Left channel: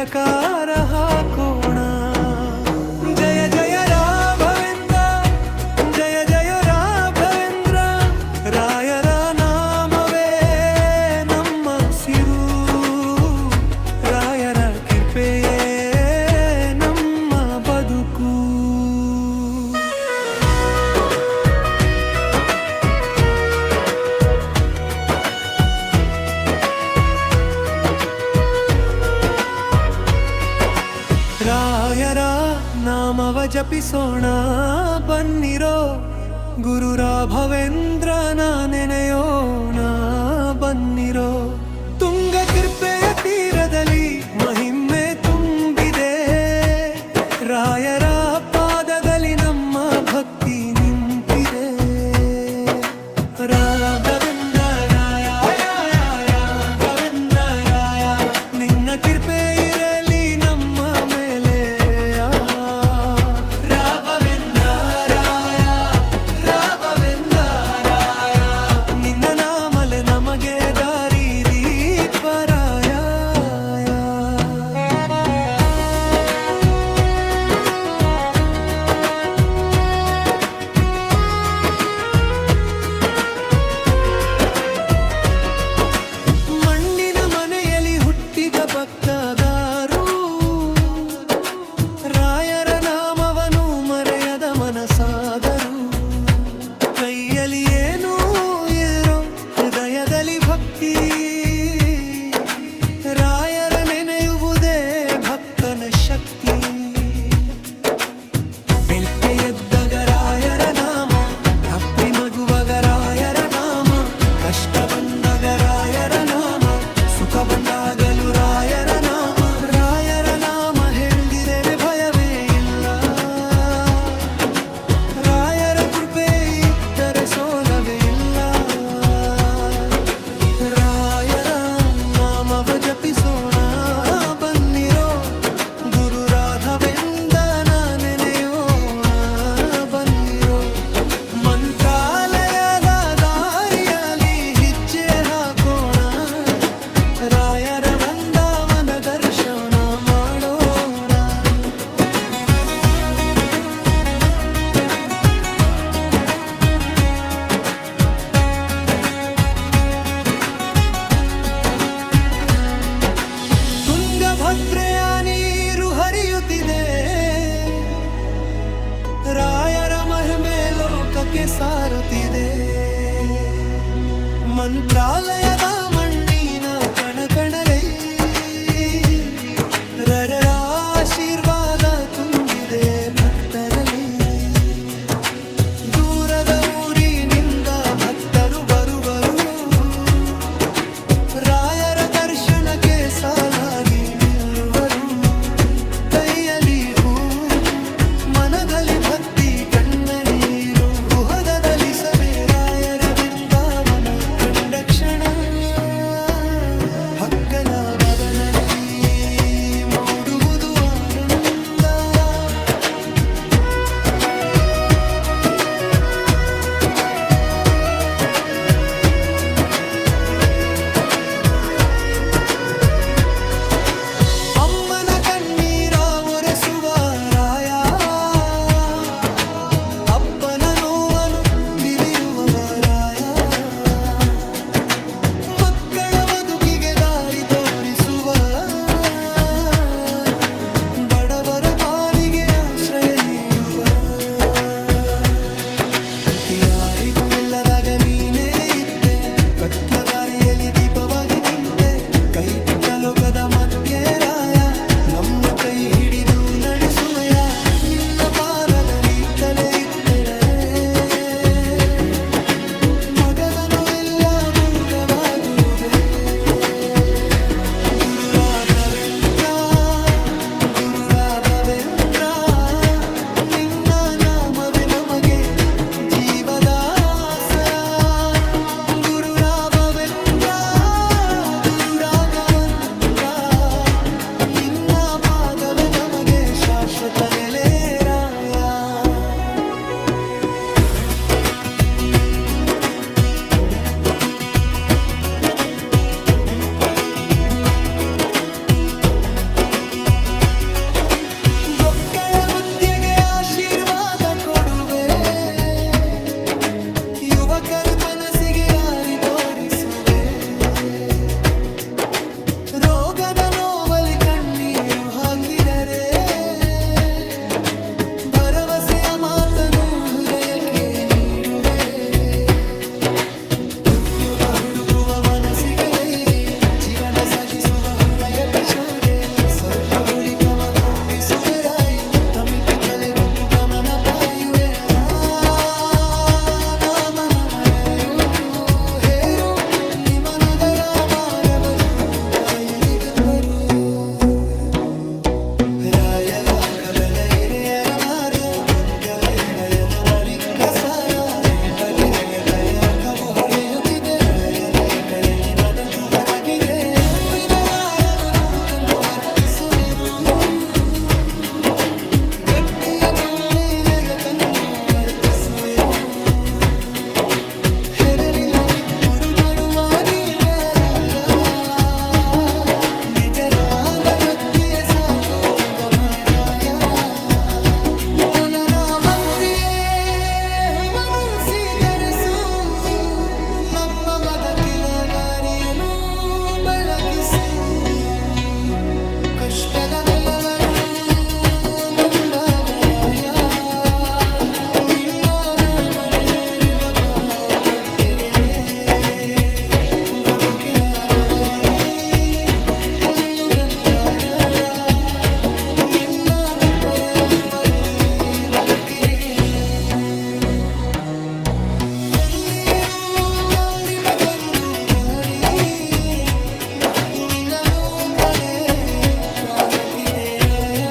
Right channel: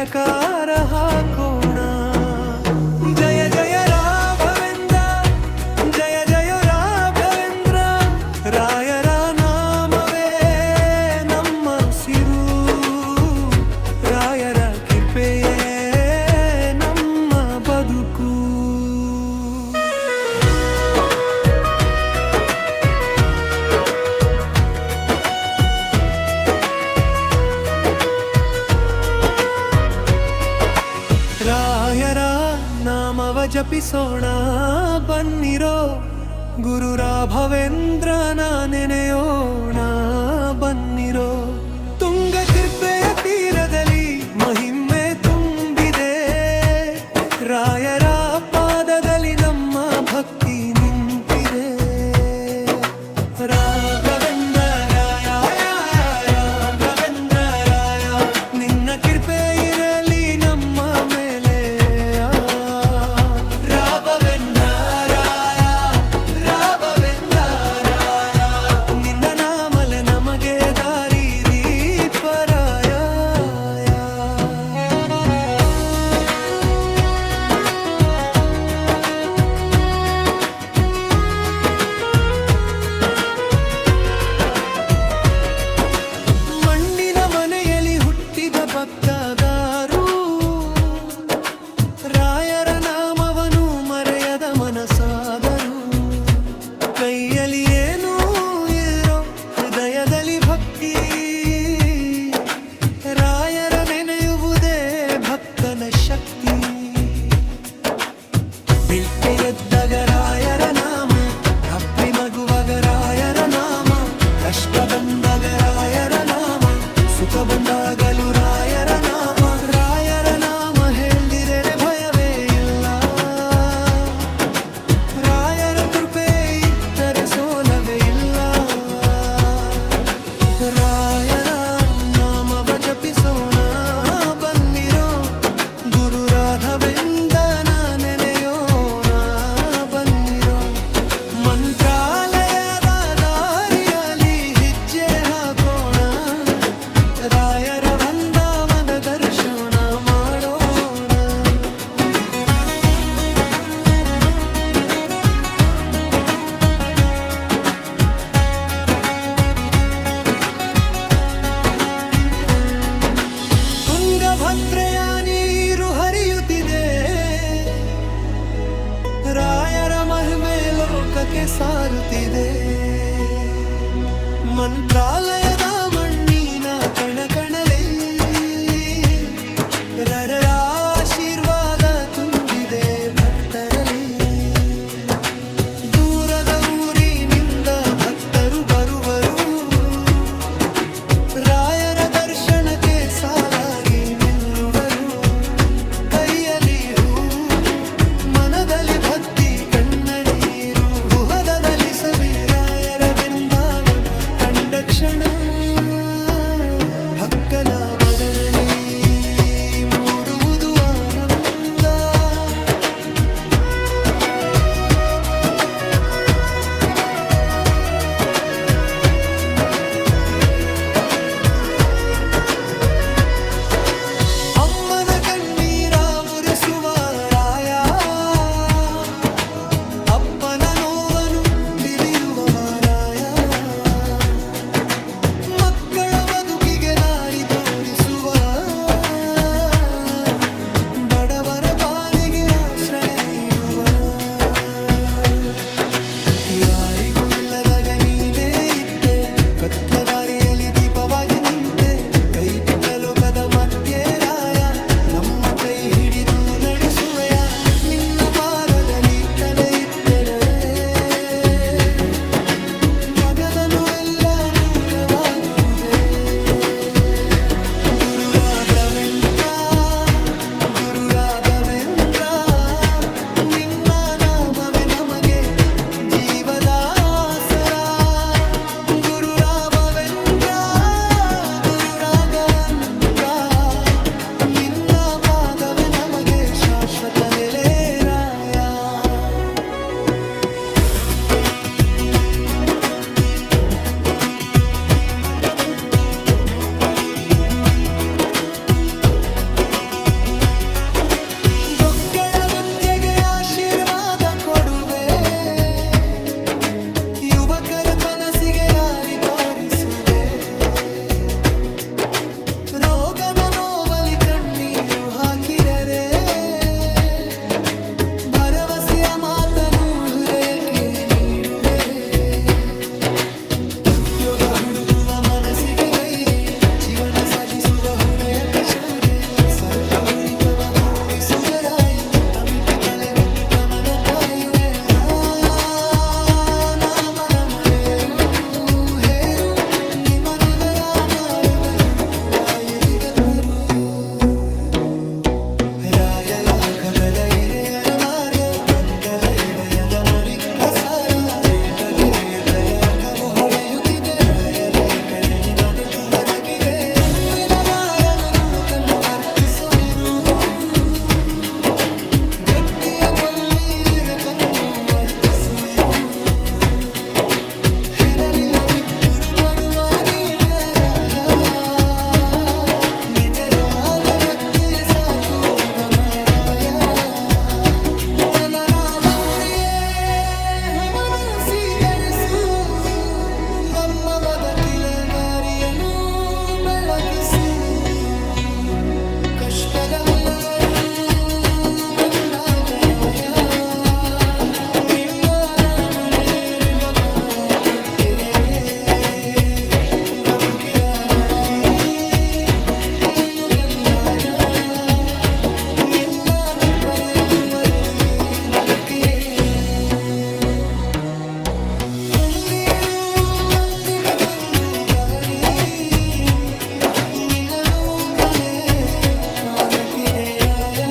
ಜಯಕಾರ ಹಾಕೋಣ. ಜಯ ಜಯ ರಾಘವೇಂದ್ರ, ಜಯ ಜಯ ರಾಘವೇಂದ್ರ, ರಾಯರ ನಾಮವೇ ನಮ್ಮ ಸಿರು, ರಾಯರ ಕೃಪೆಯೇ ನಮ್ಮ ಬದುಕು. ರಾಯರ ನಾಮವ ಜಪಿಸೋಣ ಬನ್ನಿರೋ, ಗುರು ರಾಘವೇಂದ್ರನ ನೆನೆಯೋಣ ಬನ್ನಿರೋ. ತುಂಗ ಕೃಪೆಯ ತೀರದಲ್ಲಿ ಮಹಿಮೆ ತುಂಬಿದೆ, ರಾಯರ ಪಾದದಲ್ಲಿ ನಮ್ಮ ಭಕ್ತಿ ನಿಂತಿದೆ. ರಾಘವೇಂದ್ರ ರಾಯ, ರಾಘವೇಂದ್ರ ರಾಯ, ನಿನ್ನ ಕೃಪೆ ಇರಲಿ ನಮ್ಮ ಮೇಲೆ. ರಾಘವೇಂದ್ರ ರಾಯ, ರಾಘವೇಂದ್ರ ರಾಯ, ನಿನ್ನ ನಾಮಲೆ ನಮಗೆ ದಾರಿ ದೀಪರಾಯ. ಮಣ್ಣಿನ ಮನೆಯಲ್ಲಿ ಹುಟ್ಟಿದ ಭಕ್ತದಾರು, ರಾಯರ ನಾಮವನು ಮರೆಯದ ಮನಸಾದರು. ಕೈಯಲ್ಲಿ ಏನೂ ಇರೋ ಹೃದಯದಲ್ಲಿ ಭಕ್ತಿ, ರಾಯರ ನೆನೆಯುವುದೇ ಭಕ್ತನ ಶಕ್ತಿ. ಬೆಳ್ಕೆ ಎದ್ದಾಗ ರಾಯರ ನಾಮ, ರಾತ್ರಿ ಮಗುವಾಗ ರಾಯರ ನಾಮ, ಕಷ್ಟ ಬಂದಾಗ ರಾಯರ ನಾಮ, ಸುಖ ಬಂದಾಗಲೂ ರಾಯರ ನಾಮ. ರಾಯರ ನಾಮ ಹೇಳ್ದಿರೆ ಭಯವೇ ಇಲ್ಲ, ರಾಯರ ಕೃಪೆ ಇದ್ದರೆ ಸೋಲವೇ ಇಲ್ಲ. ರಾಯರ ನಾಮವ ಜಪಿಸೋಣ ಬನ್ನಿರೋ, ಗುರು ರಾಘವೇಂದ್ರನ ನೆನೆಯೋಣ ಬನ್ನಿರೋ. ಮಂತ್ರಾಲಯದ ದಾರಿಯಲ್ಲಿ ಹೆಜ್ಜೆ ಹಾಕೋಣ, ರಾಯರ ವೃಂದಾವನ ದರ್ಶನ ಮಾಡೋಣ. ತುಂಗಭದ್ರೆಯ ನೀರು ಹರಿಯುತ್ತಿದೆ, ರಾಯರ ಮಹಿಮೆ ಲೋಕಕ್ಕೆ ಸಾರುತ್ತಿದೆ. ಮಂತ್ರಾಲಯದ ಮಣ್ಣಿನ ಕಣಕಣಲೇ ರರರ ಆಶೀರ್ವಾದ ತುಂಬಿದೆ ಭಕ್ತರಲ್ಲಿ. ದೂರದ ಊರಿನಿಂದ ಭಕ್ತರು ಬರುವರು, ರಾಯರ ದರ್ಶನಕ್ಕೆ ಸಾಲಾಗಿ ನಿಲ್ಲುವರು. ಕೈಯಲ್ಲಿ ಹೂವು, ಮನದಲ್ಲಿ ಭಕ್ತಿ, ಕಣ್ಣ ನೀರು, ಗುಹದದಲ್ಲಿ ಸವಿ ರಾಯರ ಬೃಂದಾವನ ಕಂಡ ಕ್ಷಣ. ಭಕ್ತನ ಬದನಲ್ಲಿ ಮೂಡುವುದು ಆನಂದ, ಅಮ್ಮನ ಕಣ್ಣೀರ ಒರೆಸುವ ರಾಯ, ಅಪ್ಪನ ನೋವನ್ನು ಬಿರಿಯುವವ ರಾಯ, ಮಕ್ಕಳ ಬದುಕಿಗೆ ದಾರಿ ತೋರಿಸುವ, ಬಡವರ ಪಾಲಿಗೆ ಆಶ್ರಯ ನೀಡುವ. ಯಾರಿಗೂ ಇಲ್ಲದಾಗ ನೀನೇ ಇತ್ತೆ, ಕತ್ಲ ದಾರಿಯಲ್ಲಿ ದೀಪವಾಗಿ ನಿಂತೆ. ಕೈ ಬಿಟ್ಟ ಲೋಕದ ಮಧ್ಯೆ ರಾಯ, ನಮ್ಮ ಕೈ ಹಿಡಿದು ನಡೆಸುವೆಯ. ನಿನ್ನ ಪಾದದಲ್ಲಿ ತಲೆ ಇಟ್ಟರೆ ಮಗದ ನೋವೆಲ್ಲ ದೂರವಾಗುವುದೇ. ಗುರು ರಾಘವೇಂದ್ರ, ಗುರು ರಾಘವೇಂದ್ರ, ನಿನ್ನ ನಾಮವೇ ನಮಗೆ ಜೀವದ ಆಸರ. ಗುರು ರಾಘವೇಂದ್ರ, ಗುರು ರಾಘವೇಂದ್ರ, ನಿನ್ನ ಪಾದವೇ ನಮಗೆ ನಡೆಸುವೆ ರೋಗದ ನೋವಲಿ ಕಣ್ಣೀರು ಹಾಕಿದರೆ ಭರವಸೆಯ ಮಾತನು ಹೃದಯಕ್ಕೆ ನೀಡುವೆ ಉದ್ಯೋಗ ಹುಡುಕುವ ಮನಸ್ಸಿಗೆ ಧೈರ್ಯ ಜೀವನ ಸಾಗಿಸುವ ಹುರಯತ ಶೌರ್ಯ ಸರ್ವ ಹುರಿಕಮ ಪೂರಿಸುವರಾಯಿ ತಮಿಪಿ ತಲೆ ಬುದ್ದು ಗಮನ ಪಾಯುರೆ ನಾಮನಮರೇರು ಹೇರು ನಿಮನೆಗರ ಮಾರಬರು ರಾಯರಿಗೆಪ್ಪರು ರಾಯಲಾಖ ಬದ ಇಳೆಯರ ಮಾರ್ಗ ಒಂದದಯದ ಮರಿಕ್ಕ ಸಾರ ದೇಪದಿರೆಯ ಕಲೆ ಅಖಮೊಳೆಯುತ್ತಿದೆ ರಾಯರ ಕರೆಲಿ ಮದತು ಬೆರಗಿದೆ ತುಂಬಿನ ಯಾರವನು ತನ್ನು ವರ್ತಿಸೊನೆರು ವ್ಯಕ್ತಿಯ ಕೊಲ್ಲಿಯಗ ತನ್ನು ಅರ್ಪಿಸುವೆರು ಹೆರವಿಲವಿಪ್ಪುರು ಬರುವಾಗಿ ನಿಜರಾದ ಭಕ್ತಿಯ ಸಾಕು ಗಮರಾಯ ಮನನ ಭಕ್ತಿಯೇ ಹುವನು ಸ್ವೀಕರಿಸು ನಮ್ಮ ಬದುಕಿನ ದಾರಿಯನ್ನು ಬೆಳಗಿಸು ಕಷ್ಟದಲ್ಲವರು ಬಂದಾದರಾಯ ನಿನ್ನ ನಾಮನೇರೆ ಬಬಾ ಕೊಟ್ಟಿರೆ ಬದುಕಿನ ದಾರಿ ನಿನ್ನು ಗಂಧಾರ ನಿನ್ನ ಪರ್ಯವುವಲ್ಲಿ ಬದುಕಿರೆ ಕಂದಿರು ಕಂದಿದ ಕಂದು ಗಾರಿ ನಿನ್ನನು ಬಲೆ ಕಾಂದಕ್ಕಿದೆ ರಾಯ